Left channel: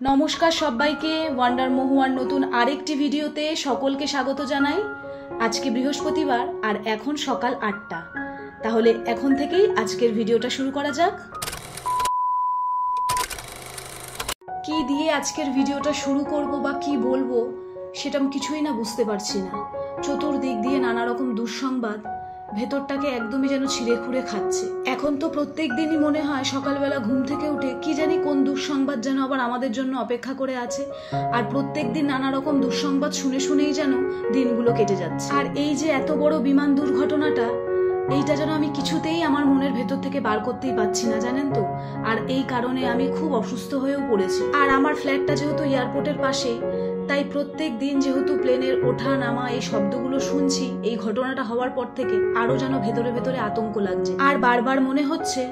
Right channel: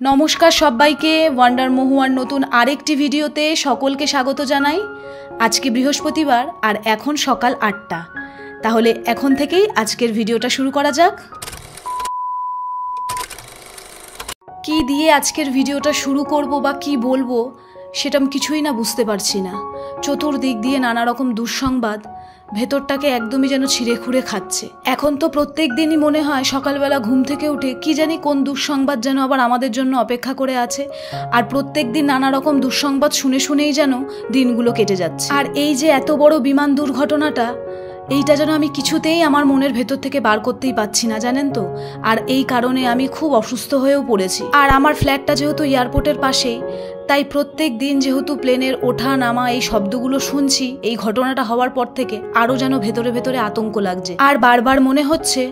নমস্কার সবাইকে, ওয়ান্ডার মহুয়ার নতুন আরেকটি ভিডিওতে সকলকে স্বাগত জানাই। আজকে বৃহস্পতিবার আর এখন সকাল ৮টা। তাহলে এখন থেকেই আজকের ভিডিওটা শুরু করা যাক। কি দিয়ে আজকের ভিডিওটা শুরু করব বা কি বলবো সেটা আমি কিছুই না বুঝতে পারছি না। চতুর্দিক দিয়ে নানা রকম দুঃসংবাদ ভেতরটাকে একদমই যেন ছিঁড়ে খুঁড়ে খাচ্ছে। এখন তো প্রত্যেক দিনই মনে হয় সকালবেলা ঘুম থেকে উঠে কি জানি কোন দুঃসংবাদ যেন আবার আমাদের জন্য অপেক্ষা করে আছে, আর প্রত্যেক দিন নানা রকম দুঃসংবাদ শুনে শুনেই যেন দিনগুলো কেটে যাচ্ছে। আর এই যে এত বড় বিমান দুর্ঘটনাটা, এইটা যেন আমি কিছুতেই আমার মনের ভেতর থেকে বার করতেই পারছি না, জানেন তো। আর এই কারণে আমি খুব অসুস্থ হয়েও পড়েছি। আর আমার ফ্ল্যাটটা যেহেতু এয়ারপোর্টের পাশেই, তাই প্রত্যেক দিন যেহেতু প্লেনের ওঠা নামা এই শব্দগুলো শুনছি, এই ঘটনাটা হওয়ার পর থেকে আরও যেন ভেতরে ভেতরে আতঙ্ক লাগছে। আর বারবার মনে হচ্ছে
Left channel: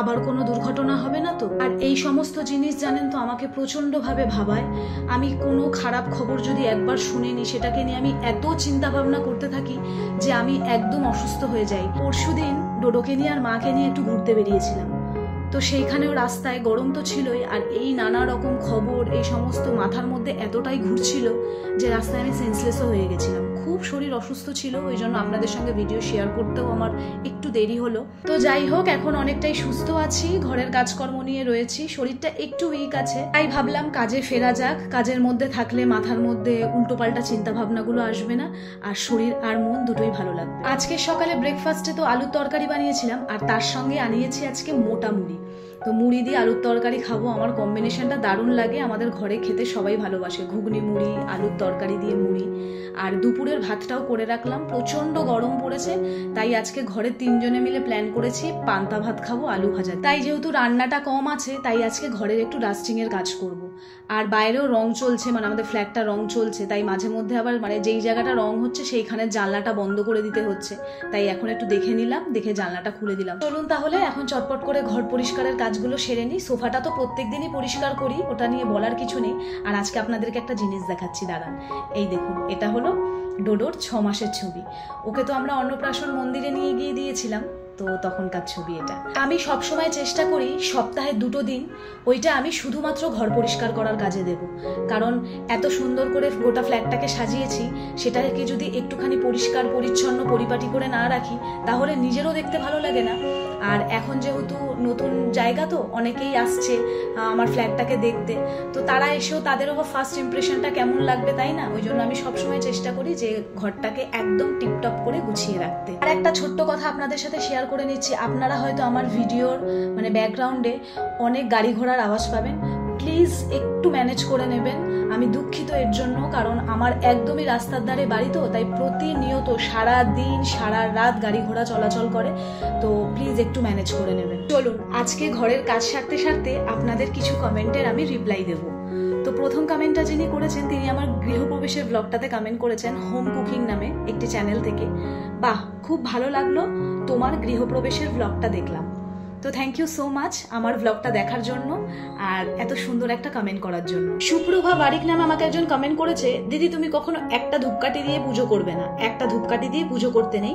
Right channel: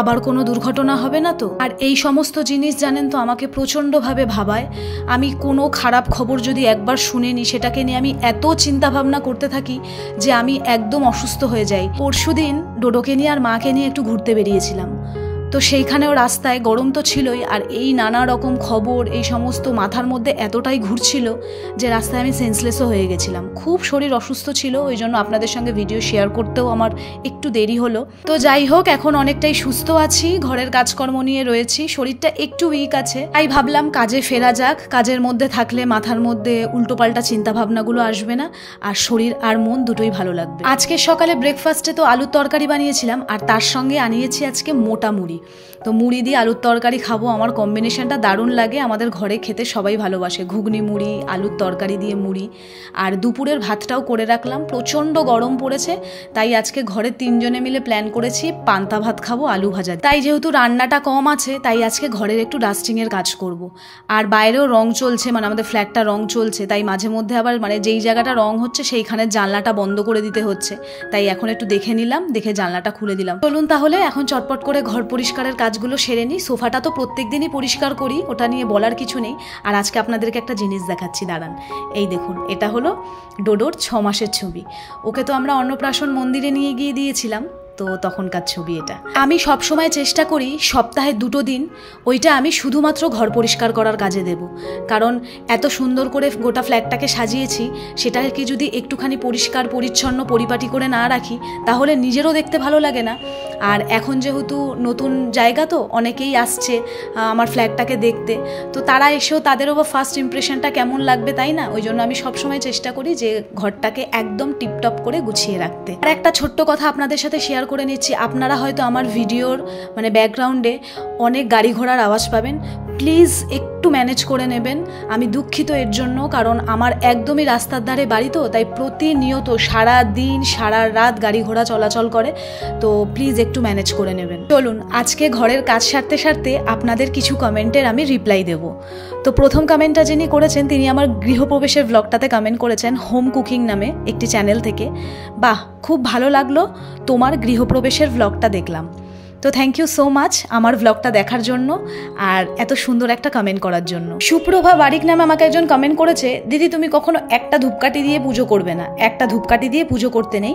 আবার কোনো দুর্ঘটনা হবে না তো। আর এই সমস্ত জিনিস জানেন তো আমাকে প্রচণ্ডভাবে ভাবায়। আমি কোনো খারাপ খবর যদি একবার শুনে নিই, সেটাকে নিয়ে আমি এত চিন্তা ভাবনা করতে থাকি যে আমি একদম অসুস্থ হয়ে যাই। পরশুদিন ডোডোকে নিয়ে আর মাকে নিয়ে একটু ঘুরতে বেরিয়েছিলাম, তো সেইখানেও রাস্তায় গরম তো ছিলই, আর এই নানা রকম খবর এই সমস্ত মাথার মধ্যে এতটাই ঘুরছিল যে রাস্তায় আমি সেন্সলেসও হয়ে গেছিলাম। খুব শরীর অসুস্থ ছিল, ওই জন্য আপনাদের সঙ্গে ভিডিও শেয়ার করতেও আমার একটু দেরি হলো। তো যাই হোক, এখন অনেকটাই সুস্থ আছি, ঘরের কাজকর্ম নিয়ে রয়েছি, শরীরটা একটু উইক আছে। তাই ভাবলাম কাজে ফেরা যাক। কাজের মধ্যে থাকলে মাথার মধ্যে উল্টোপাল্টা চিন্তা ভাবনাগুলো আসবে না, আর শরীর আর মন দুটোই ভালো লাগবে। আজকে সকালে ব্রেকফাস্টে তো আলুর তরকারি বানিয়েছিলাম, আর তার সঙ্গে আনিয়েছি আজকে মোটা মুড়ি। তো মুড়ি দিয়ে আলুর তরকারি খাবো, আমার কম্বিনেশনটা দারুণ লাগে। আমাদের ঘরে খেতে সবাই ভালোবাসে ঘুগনি মুড়ি, আলুর তরকারি দিয়ে মুড়ি। আর দুপুরের ভাতটাও করে রাখলাম, প্রচণ্ড গরম পড়েছে, তাই আজকে ঘরে 3 জনে মিলে প্ল্যান করেছি পান্তা ভাত খাবো আলু ভাজা। তাই যেহেতু রান্নাটা কম আছে, তাই আজকে ঘরের একটু ডাস্টিংয়ের কাজ করব। আর বাইরেও রং চলছে, মানে আমাদের ফ্ল্যাটটা রং চলছে, তাই মাঝে মধ্যে আবার মানে যেই জায়গাটা রং হচ্ছে সেইখানে জানলাটা বন্ধ করে দিতে হচ্ছে। তাই এখন একটু দেখে নিলাম, দেখে জানলাটা খুলে দিলাম। চলুন তাহলে এখন চটপট করে ঘর পরিষ্কারের কাজগুলো সেরে নিই। সোফাটা তো প্রত্যেক দিনই পরিষ্কার করি, ওটা নিয়ে বলার কিছু নেই। আর আজকে আপনাদেরকে একটা জিনিস দেখাচ্ছি, দাঁড়ান। এই দেখুন, এটা হলো ডোডোর 6 মাসের ছবি। ওকে তো আমরা অন্নপ্রাশন মন্দিরে নিয়ে গিয়ে দিয়েছিলাম, তো তখনকার ছবি এটা। আমি সবসময় চেষ্টা করি সপ্তাহে 2 দিন ওইটা আমি শুধুমাত্র ঘর পরিষ্কার করার কাজে দেব, কারণ এত সুন্দর করে গোটা ফ্ল্যাটটাকে সাজিয়েছি, সেটাকে যদি একটুখানি পরিষ্কার পরিচ্ছন্ন পরিপাটি করে না রাখি তাহলে নিজেরও দেখতে ভালো লাগে না। আর এখন যেহেতু নতুন জায়গা, তো অনেকেই আসছে আমার ফ্ল্যাটটাকে দেখতে, তো তারা এসেও তাদেরও বা ফার্স্ট ইমপ্রেশনটা কেমন লাগবে, তাই না? ওই জন্য আমি সবসময় চেষ্টা করি যে ঘরটাকে একদম টিপটপ করে গুছিয়ে রাখতে। আর একটা ছোট্ট কথা আপনাদের সাথে শেয়ার করে নিচ্ছি। আপনারা হয়তো আমার ভিডিওর মানে ব্যাকগ্রাউন্ডে অনেক গাড়ি ঘোড়ার আওয়াজ পাবেন, প্লিজ একটু ম্যানেজ করে নেবেন। আমি দুঃখিত এর জন্য, কারণ আমার একদমই রাস্তার ধারে বাড়ি, তো তাই প্রতিনিয়ত সারা দিন সারা রাত গাড়ি ঘোড়া চলাচল করে, তো প্লিজ একটু ম্যানেজ করে নেবেন। চলুন আজকে ঘরের কাজ সারতে সারতে আপনাদের কিছু কমেন্টের আমি রিপ্লাই দেব। তো প্রথম কমেন্টটা যিনি করেছেন, তিনি আমার গৃহপ্রবেশের ব্লগটাতে কমেন্ট করেছেন হোম কুকিং নামে একটি চ্যানেল থেকে। বাহ, খুব ভালো লাগলো তোমার গৃহপ্রবেশের ব্লগটা দেখলাম। তো থ্যাংক ইউ সো মাচ আমার ব্লগটা দেখার জন্য আর এত সুন্দর একটা কমেন্ট করার জন্য। সুপ্রভা বারিক নামে আমাকে একজন কমেন্ট করেছে, দিদি তুমি কখনো একটা ধূপকাঠি দিয়ে পুজো করবে না, একটা ধূপকাঠি দিয়ে পুজো করতে নেই।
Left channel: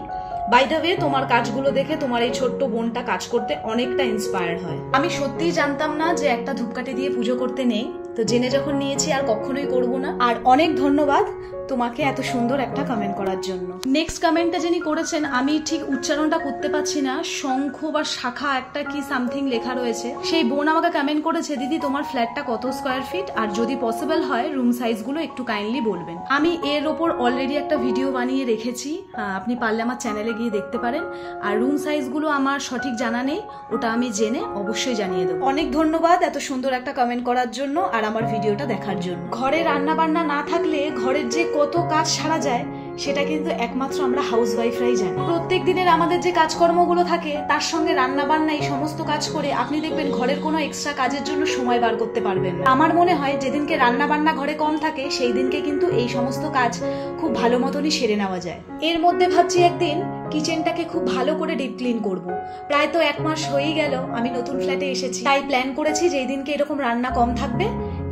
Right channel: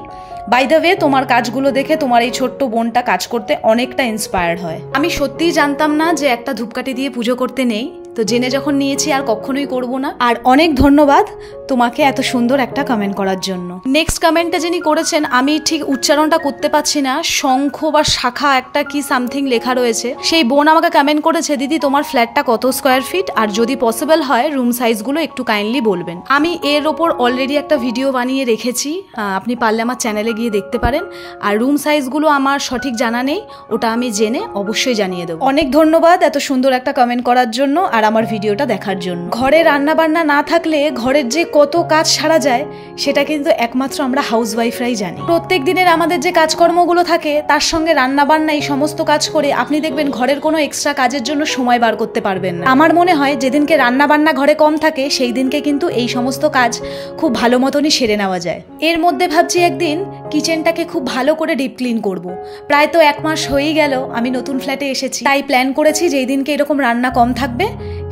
বাই দ্য ওয়ে, তোমার কাজগুলো দেখে তোমার এই ছোট্ট বোনটা কাজ করতে অনেকটা ইন্সপায়ার্ড হয়। আমি সত্যিই জানতাম না যে একটা ধূপকাঠি দিয়ে পুজো করতে নেই, তো জেনে যখন নিয়েছি আর কখনোই করব না। আর অনেক ধন্যবাদ তোমাকে এত সুন্দর একটা কমেন্ট করার জন্য। নেক্সট কমেন্টটা যিনি করেছেন, আমি ঠিক উচ্চারণটা করতে পারছি না, শঙ্খ বা শাখা একটা কি সামথিং লেখা রয়েছে। সেই বোন আমাকে কমেন্ট করেছে, দিদি তোমার ফ্ল্যাটটা কত স্কোয়ার ফিট, আর যদি পসিবল হয় রুম সাইজগুলো একটু কাইন্ডলি বলবেন। আমি এর ওপর অলরেডি একটা ভিডিও বানিয়ে রেখেছি, আপনি পারলে আমার চ্যানেলে গিয়ে দেখতে পারেন। আর রুম সাইজগুলো আমার সঠিক জানা নেই, ওটা আমি জেনে অবশ্যই জানিয়ে দেবো। অনেক ধন্যবাদ এত সুন্দর একটা কমেন্ট করার জন্য আর আমার ভিডিওটা দেখার জন্য। ঘরে রান্না বান্না না থাকলে ঘরের যে কত কাজ সারা যায় সেটা কিন্তু একমাত্র আমরা হাউসওয়াইফরাই জানি। প্রত্যেক দিনের আমাদের যে কাজকর্মগুলো থাকে তার সঙ্গে রান্না বান্না এই সমস্ত কাজ করে আপনি দেখবেন ঘরের কোনো এক্সট্রা কাজের জন্য সময় বার করতে পারবেন না। আমার মনে হয় যেদিনকে রান্না বান্না ঘরে কম থাকে সেই দিনকে কিন্তু এই সমস্ত কাজ খুব ভালো মতনই সেরে নেওয়া যায়। এর মধ্যে ভাবছি একদিন কিচেনটাকে খুব ভালো করে ডিপ ক্লিন করব। প্রায় তো 1 মাস হয়েই গেল আমি নতুন ফ্ল্যাটে এসেছি, তাই প্ল্যান করেছি যেই দিনকে এরকম রান্না কম থাকবে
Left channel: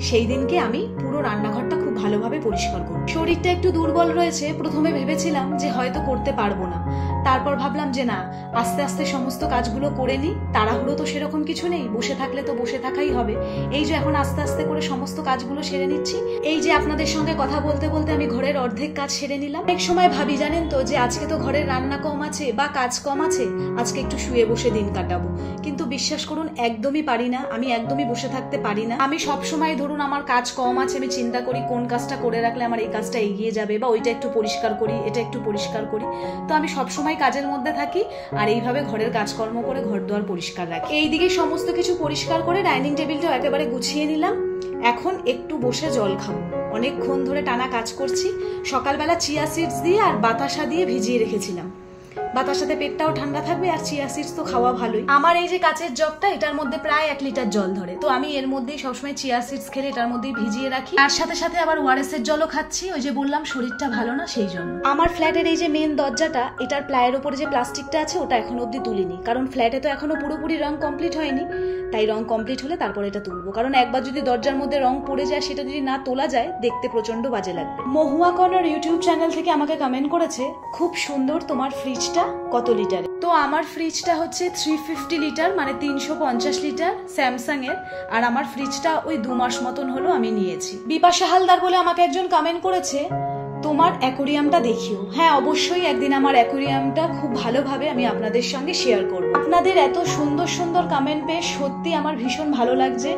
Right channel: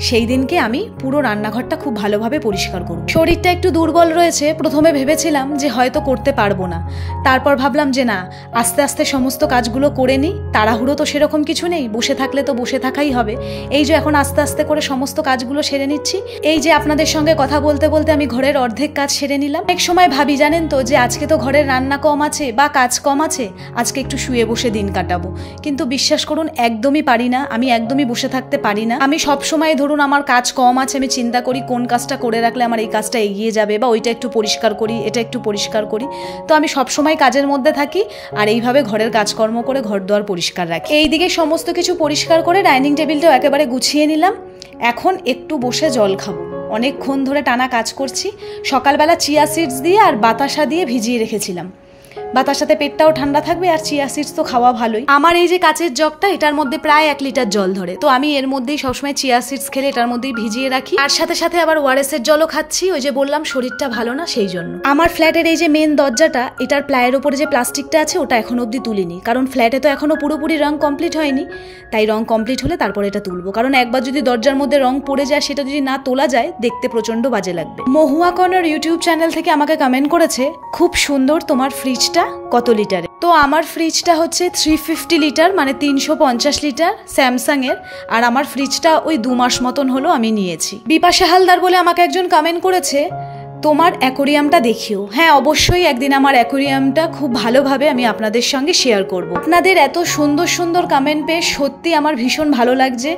সেই দিনকে আমি পুরো রান্নাঘরটা খুব ভালোভাবে পরিষ্কার করব। শরীরটা একটু দুর্বল রয়েছে, প্রথমে ভেবেছিলাম যে হয়তো করতে পারবো না, তারপর ভাবলাম যে না, আস্তে আস্তে সমস্ত কাজগুলো করে নিই, তাড়াহুড়ো তো সেরকম কিছু নেই, বসে থাকলে তো বসে থাকাই হবে। এই যে এখন আস্তে আস্তে করে সমস্ত কাজগুলো সেরে নিচ্ছি, এই যে আপনাদের সঙ্গে কথা বলতে বলতে আমি ঘরের অর্ধেক কাজ সেরে নিলাম। এক সময় ভাবি জানেন তো যে আজকে তো ঘরের রান্না কম আছে বা কাজ কম আছে, আজকে একটু শুয়ে বসে দিন কাটাবো, কিন্তু বিশ্বাস করুন একদমই পারি না, আমি একদমই বসে থাকতে পারি না। আমি সব সময় ধরুন আমার কাজ কম আছে, আমি চিন্তা করি কোন কাজটা করে রাখলে আমার এই কাজটা এগিয়ে যাবে, বা ওইটা একটু পরিষ্কার করি, এটা একটু পরিষ্কার করি। তো আমি সব সময় কাজের মধ্যে থাকি আর এইভাবে ঘরের কাজকর্ম করে ঘর দুয়ার পরিষ্কার রাখি। এইদিকে সমস্ত কিছু পরিষ্কার করে ডাইনিং টেবিলটাও একেবারে গুছিয়ে নিলাম। এখন একটু বসে জল খাবো, অনেকক্ষণ ধরে টানা কাজ করছি। সকালবেলা চিয়া সিডস দিয়ে আর বাতাসা দিয়ে ভিজিয়ে রেখেছিলাম, বাতাসাতে পেটটাও ঠান্ডা থাকবে, আর চিয়া সিডস তো খাওয়া ভালোই। আমার এই যে কাচের জগটা, এটার মধ্যে প্রায় 1 লিটার জল ধরে, তো আমি এর মধ্যেই সবসময় চিয়া সিডস খেলে এটার মধ্যেই ভিজিয়ে রাখি, আর সাথে সাথে আবার ওআরএস এর জলও খাচ্ছি। ওই যে বললাম শরীরটা ভালো না, সেই জন্য। আমার ফ্ল্যাটের এই যে মেন দরজাটা, এটার প্লায়ের ওপরে যে প্লাস্টিকটা আছে ওটা এখন অবধি তুলিনি, কারণ ফ্ল্যাটে তো এখনো পুরোপুরি রং কমপ্লিট হয়নি, তাই রং কমপ্লিট হলে তারপর এটা তুলবো, কারণ একবার যদি দরজার মধ্যে রং পড়ে যায়, সেটা যদি না তোলা যায় দেখতে প্রচন্ড বাজে লাগবে। মহুয়া কর্নার ইউটিউব চ্যানেল থেকে আমাকে কমেন্ট করেছে, খুব সুন্দর তোমার ফ্রিজটা, কত লিটারে? তো আমার ফ্রিজটা হচ্ছে 350 লিটার, মানে 350 লিটার, স্যামসাং এর। আর আমার ফ্রিজটা ওই 2 মাস মতন হলো আমি নিয়েছি। বিপাশা হালদার বলে আমাকে একজন কমেন্ট করেছে, তোমার অ্যাকোরিয়ামটা দেখিও। হ্যাঁ, অবশ্যই একদিন আমার অ্যাকোরিয়ামটা খুব ভালোভাবে আমি আপনাদের সঙ্গে শেয়ার করব। আপনাদের এত সুন্দর সুন্দর কমেন্ট পেয়ে সত্যি আমার ভীষণ ভালো লাগছে।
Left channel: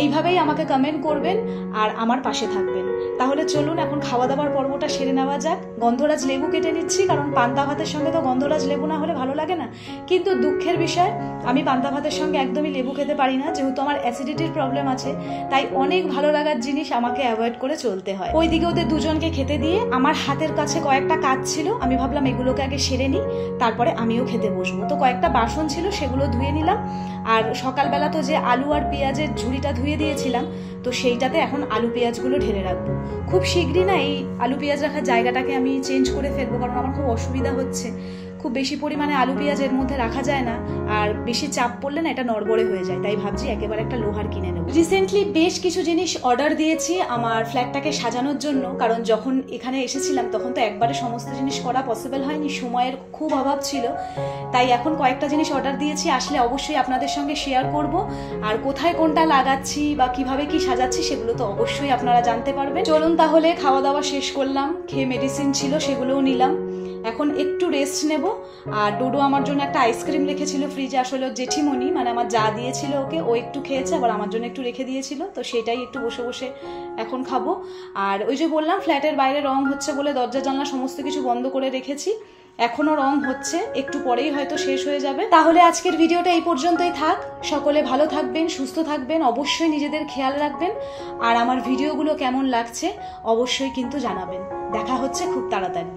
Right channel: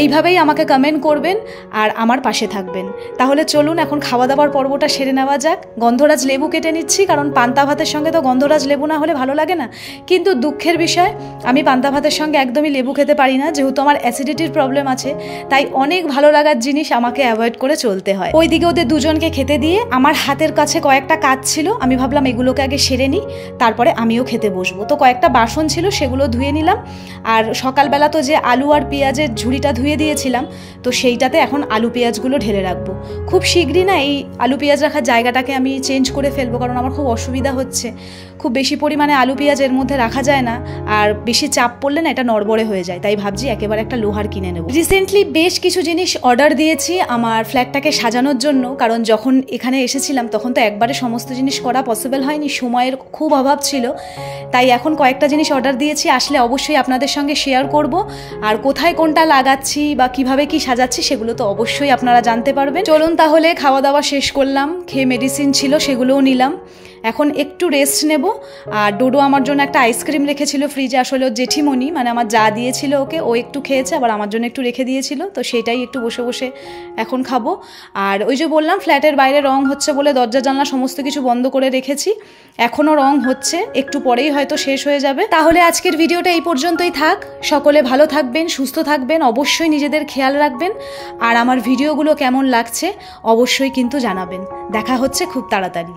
এইভাবেই আমাকে কমেন্ট করবেন আর আমার পাশে থাকবেন। তাহলে চলুন এখন খাওয়া দাওয়ার পর্বটা সেরে নেওয়া যাক। গন্ধরাজ লেবু কেটে নিচ্ছি, কারণ পান্তা ভাতের সঙ্গে তো গন্ধরাজ লেবু না হলে ভালো লাগে না। কিন্তু দুঃখের বিষয়, আমি পান্তা ভাতের সঙ্গে একদমই লেবু খেতে পারি না, যেহেতু আমার অ্যাসিডিটির প্রবলেম আছে, তাই অনেক ভালো লাগার জিনিস আমাকে অ্যাভয়েড করে চলতে হয়। ওইদিকে ওদের দুজনকে খেতে দিয়ে আমার হাতের কাছে কয়েকটা কাজ ছিল, আমি ভাবলাম এগুলোকে আগে সেরে নিই, তারপরে আমিও খেতে বসবো। তো কয়েকটা বাসন ছিল, সেগুলো ধুয়ে নিলাম। আর সকালবেলা তো যে আলু আর পেঁয়াজের ঝুড়িটা ধুয়ে দিয়েছিলাম, তো সেইটাতে এখন আলু পেঁয়াজগুলো ঢেলে রাখবো। খুব শীঘ্রই না এই আলু পেঁয়াজ রাখার জায়গাটাকে আমি চেঞ্জ করে ফেলবো, কারণ আমার খুব অসুবিধা হচ্ছে। খুব বেশি পরিমাণে আলু পেঁয়াজ এর মধ্যে রাখা যায় না, আর বেশি চাপ পড়লে না এটা নড়বড়ে হয়ে যায়, তাই ভাবছি একেবারে একটা লোহার কিনে নেব। রিসেন্টলি বেশ কিছু জিনিস অর্ডার দিয়েছি আমার ফ্ল্যাটটাকে সাজানোর জন্য, কারণ যখন এখানে এসেছিলাম তখন তো একবারে সমস্ত জিনিস করা পসিবল হয়নি, সময়ের খুব অভাব ছিল। তাই এখন কয়েকটা জিনিস অর্ডার দিয়েছি, আসলে অবশ্যই আপনাদের সঙ্গে শেয়ার করব। আর কোথায় কোনটা লাগাচ্ছি বা কিভাবে কি সাজাচ্ছি সেগুলো তো অবশ্যই আপনারা জানতে পারবেন। চলুন তাহলে, খাওয়া দাওয়া শেষ করলাম, খেয়ে মেডিসিন ছিল সেগুলোও নিলাম, এখন একটু রেস্ট নেব। আর ডোডো আমার জন্য একটা আইসক্রিম রেখেছিল ফ্রিজে, আসলে জেঠিমণি মানে আমার যা দিয়েছিল ওকে, ও একটু খেয়েছে, আবার আমার জন্য একটু রেখে দিয়েছিল, তো সেটাই একটু বসে বসে এখন খাবো। আর ওই যে বললাম ফ্ল্যাটের বাইরে রং হচ্ছে বলে দরজা জানলা সমস্ত কিছু বন্ধ করে রেখেছি, এখনও রং হচ্ছে, একটু পরেই হয়তো শেষ হয়ে যাবে। তাহলে আজকের ভিডিওটা এই পর্যন্তই থাক। সকলে ভালো থাকবেন, সুস্থ থাকবেন, অবশ্যই নিজেদের খেয়াল রাখবেন। আর আমার ভিডিওগুলো কেমন লাগছে অবশ্যই কিন্তু জানাবেন। দেখা হচ্ছে খুব তাড়াতাড়ি।